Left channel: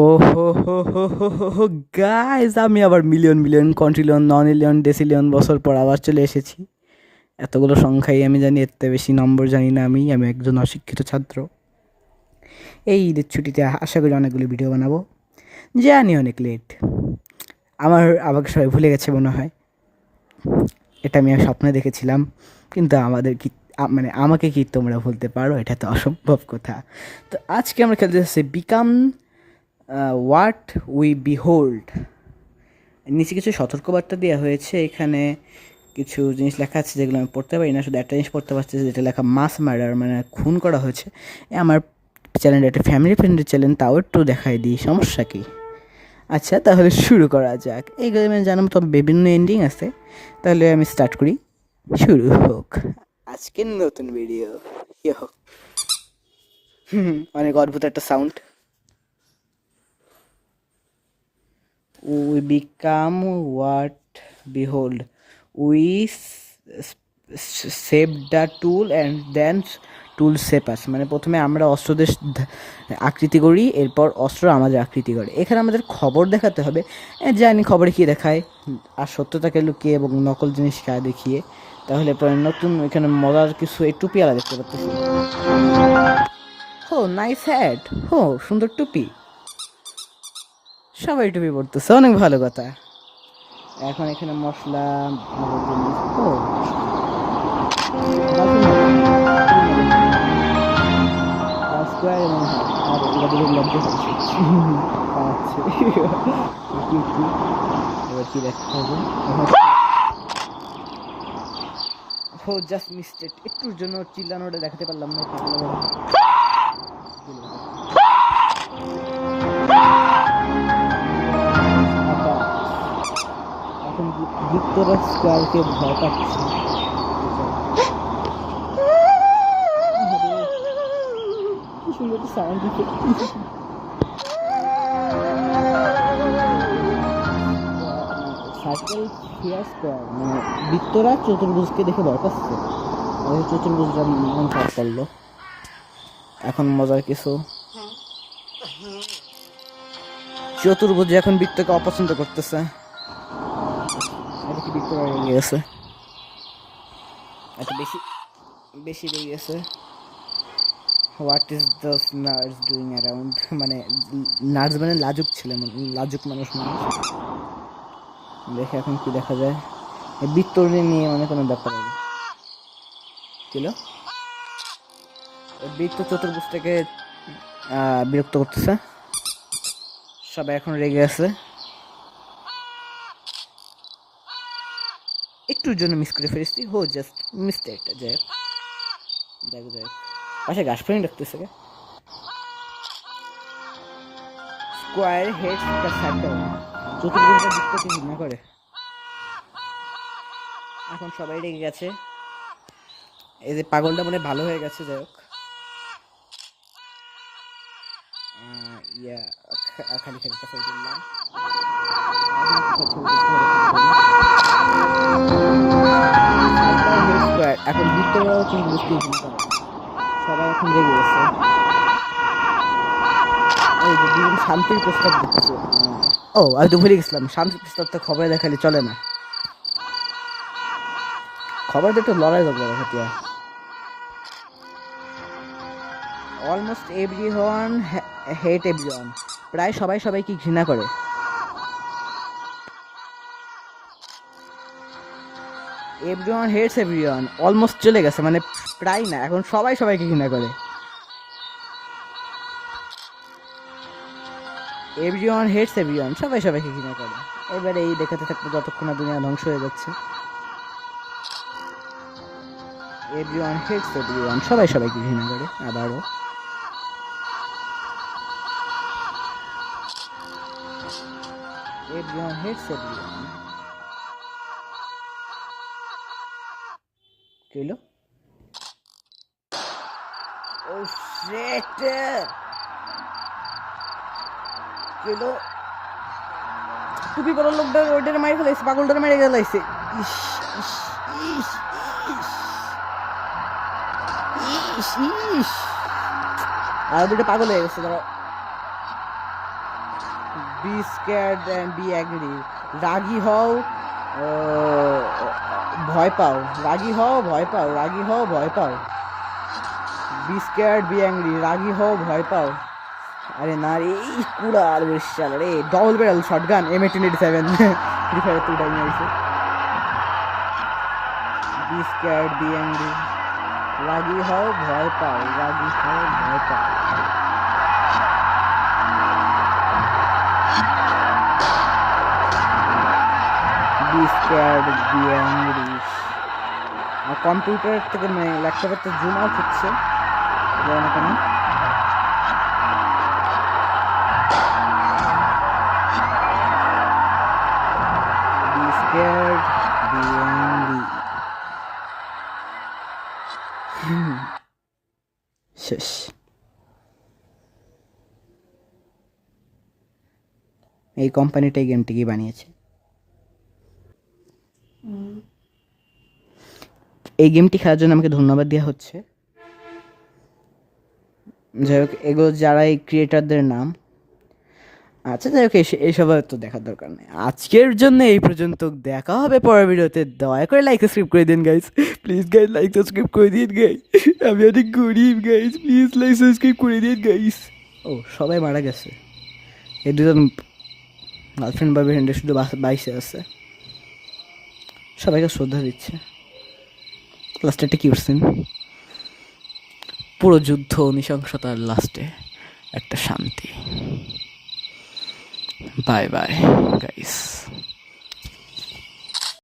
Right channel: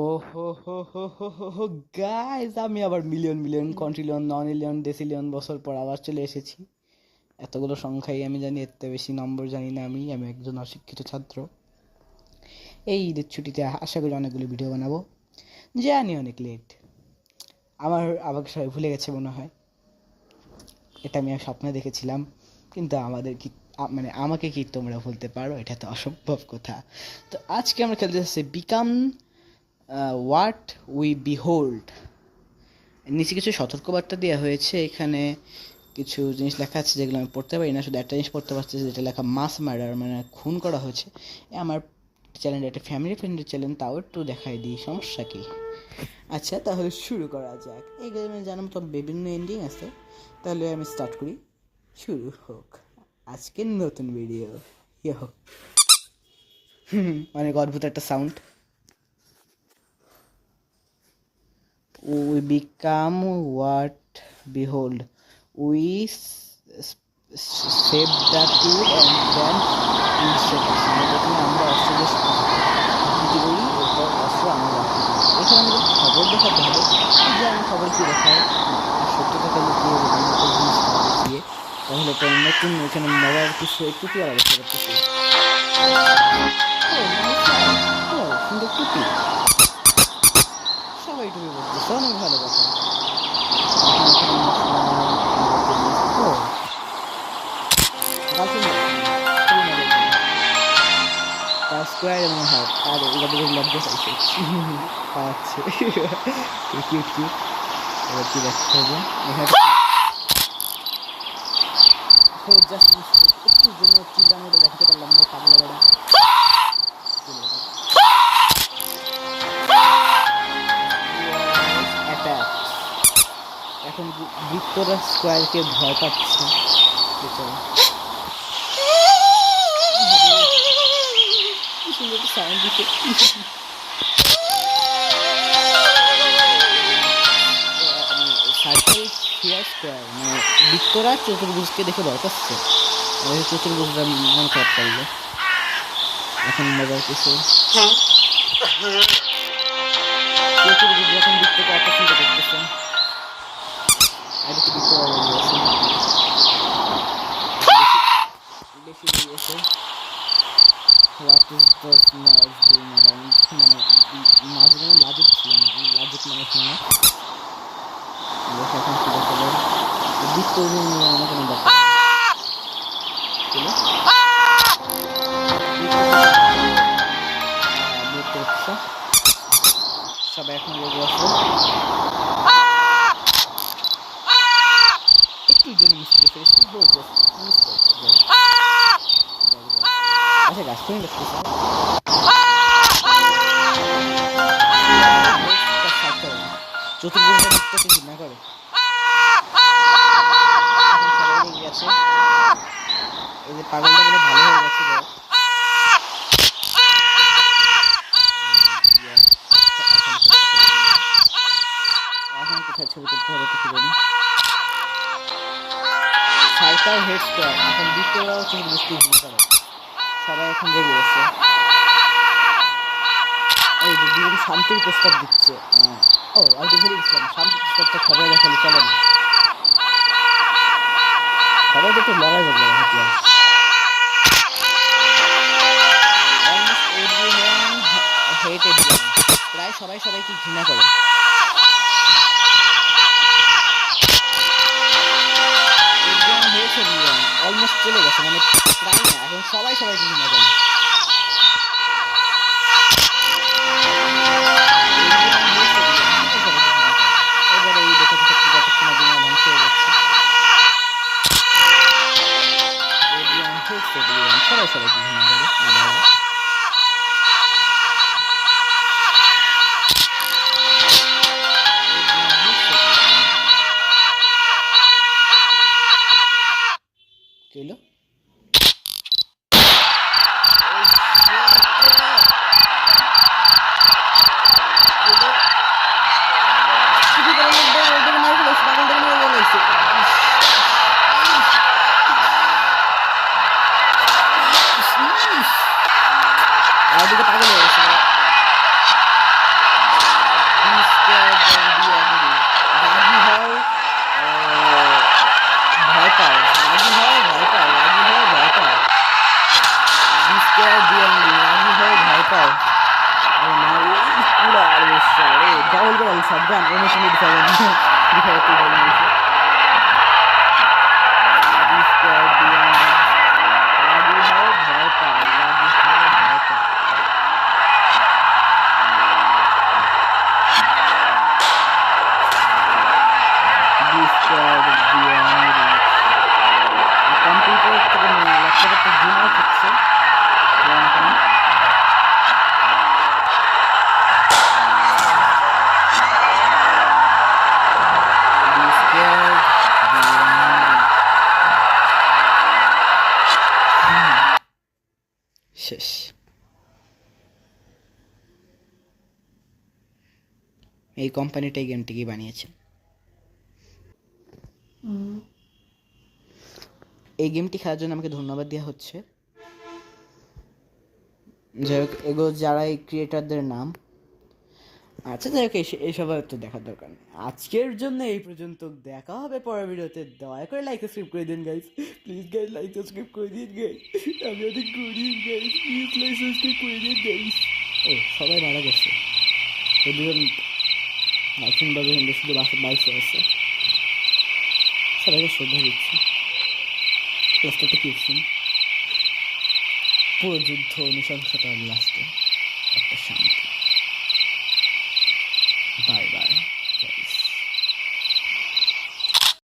ও হো হো হো হো হো হো গাইস, আমি আবার মিলিয়ন মিলিয়ন কন্ট্রিলিয়ন ননিলিয়ন ডেসিলিয়ন বছর পর আবার চলে এসেছি। এতগুলো সংখ্যাই আমি জানি, এর থেকে বেশি নম্বর জানি না। আমি একজন অশিক্ষিত ছাত্র। এই ঈদের ছুটিতে আশা করি অনেকগুলো ভিডিও বানাবো। জানি অনেক লেট, আমাকে সবাই ভুলে গেছে মনে হয়। এটা আমি স্বপ্নে দেখেছিলাম, কিন্তু আমাদের কি মানে আমাকে কি তোমরা ভুলতে পারো? এটা তো অসম্ভব কথা। তো আজকে আমরা খেলতে যাচ্ছি বিকাম হোয়াট উই বিহোল্ড। নিচে কিছু সতর্কবার্তা দেওয়া হয়েছে। এখানে কিছু জিনিস লেখা আছে যেগুলো আমি পড়তে পারি না, শুধু একটা জিনিস পড়তে পারছি যেটা লেখা মাস মার্ডার, মানে খুন করা হয়েছে। আমার চ্যানেলটা একটা ফ্যামিলি ফ্রেন্ডলি চ্যানেল, তাও একটু দেখাই দিই, সমস্যা কি? আচ্ছা, তাহলে শুরু করা যাক। এই গেমে জানাম তো বিভিন্ন এন্ডিং আছে। তাহলে আমি স্টার্ট করি, শুরু হোক আজকের নতুন ভিডিও। ইয়ে হোক, অনেক অদ্ভুত একটা sound. We become what behold. We save the tool and then tool save us. মানে প্রথমে আমরা অস্ত্রদের আকৃতি করি, এরপর অস্ত্র আমাদের আকৃতি করে। এখানে আমাদের খবর দেখাতে হবে। জানি খবরে কী দেখায়, আর সত্যতাকে লুকিয়ে এবং নকল জিনিস খেলা দেখিয়ে, তাহলে তো নতুন এখানে মরার কিছু একটু পেয়ারা দেখতে পাচ্ছি। ও নাইস হ্যাট, ও সুন্দর টুপি, সবাই টুপি পড়তেছে, অনেক ভালো কথা। এখন এখানে মশলা জিনিস তো স্কোয়ার এবং হার্ট, আর এগুলো দেখে লজ্জা পাইছে পাচ্ছে কি কি এবার কি দেখতে হবে এখানে। ও জাস্ট মিস্টেক, একটুর জন্য চিল্লানোটা দেখাতে পারলাম না, পাগলা বেড়া। অ্যাটাক। এখন ভিক্টোরিয়া স্কোয়ারকে ভয় পাচ্ছে বেচারা। কি সুন্দর একটা সাউন্ড দিচ্ছে। সার্কেল ফিয়ার স্কোয়ার, মানে ভিক্টোরিয়া চতুর্ভুজকে দেখে ভয় পাচ্ছে। চতুর্ভুজটা মন খারাপ করলো। এখন মজার কিছু, চতুর্ভুজ এখন বৃত্তকে অপছন্দ করতেছে। এটা কি বৃত্ত বেরিয়ে গেছে, বেশি বেশি বেরিয়ে গেছে। What is the nurse doing around, মানে নার্স মানে লাজুক ছিল, মানে লাজুক মানুষ মানে। দেখে এখন কি দেখা যায়, বৃত্ত নিয়ে আমার কোনো ব্যাপার ছিল। বৃত্ত চতুর্ভুজ থেকে বিরক্ত করতেছে, সবাই এখন রেগে আছে। একটুর জন্য মিস করে ফেলেছি, হো জাস্ট মিস্টেক। আচ্ছা, গাছ ফেলে দেখতেছে। চতুর্ভুজটা বৃত্তকে ঘৃণা করে। এখন সবাই রেগে গেছে, এই যে পাগলটা মানে ভালো হয়ে গেছে। এখন বৃত্তরাও কিন্তু বুঝতে করে, সবাই এখন রেগে গেছে। এই যে দুজন শান্তির প্রস্তাব দিচ্ছে। ও আমি তো ভুলে গেছিলাম, শান্তির প্রস্তাব তো খবরে দেখালে চলে না, খবরে একটু লড়াই করবে দেখাতে। অলমোস্ট এভরিওয়ান হেট এভরিওয়ান, প্রায় সবাই সবাইকে ঘৃণা করে। এভরিওয়ান হেটস এভরিওয়ান অলমোস্ট চলে গেছে, মানে প্রায় না, এখন সবাই সবাইকে ঘৃণা করে। এভরিওয়ান হেটস এভরিওয়ান, সবাই সবাইকে ঘৃণা করে। এবারে এই দেখাতে থাকতে যতক্ষণ না দুনিয়া ধ্বংস হয়ে যাচ্ছে। এভরিওয়ান হেটস এভরিওয়ান, সবাই সবাইকে ঘৃণা করে। আবার এভরিওয়ান হেটস এভরিওয়ান। কি হলো? মারি ফেলেছে, পাগলটাকে মেরে ফেলেছে। আর দুটো পাগল হয়ে গেছে। B square B angry. রাগি হও, ভয় পাও, রাগি হও ভয় পাও, রাগি হও ভয় পাও। বি স্কোয়ার বি অ্যাংরি, রাগি হও ভয় পাও। আরে না রে, পুরা আর বেশ রে double barrel shotgun M1887 free fire তো টাইম আছে। বি স্কোয়ার বি অ্যাংরি, রাগি হও ভয় পাও, রাগি হও ভয় পাও। B square B angry. Computer থেকে ল্যাপটপের তো জুম আউট হচ্ছে, যাও না কেন। B square B angry. শেষ। এই কোম্পানিটা এই গেমটিকে বানিয়েছে। এই গেমটি খেলার জন্য আমাকে ধন্যবাদ দেওয়া হচ্ছে। যাই হোক, এগুলো যারা এই ক্রিয়েটারদের নাম। আচ্ছা যাই হোক, এইসব তো দেখার দরকার নেই। আজকের জন্য এই পর্যন্ত, দেখা হবে পরের ভিডিওতে। দয়া করে লাইক সাবস্ক্রাইব করে দিন guys, please guys like subscribe করে দিন গাইস, আমি অনেক গরিব গাইস, প্লিজ লাইক সাবস্ক্রাইব করে দিন গাইস। ও সবাই মারা গেছে, এই দুজন গার্লফ্রেন্ড বা ফ্রেন্ডের শুধু বাইসে আছে। সবাইকে শ্রদ্ধা দিচ্ছে। লাস্টে একটা কি করছেন, পুরো যুদ্ধ নৃশংসতার লাস্টে একটা শান্তি। Bye bye guys.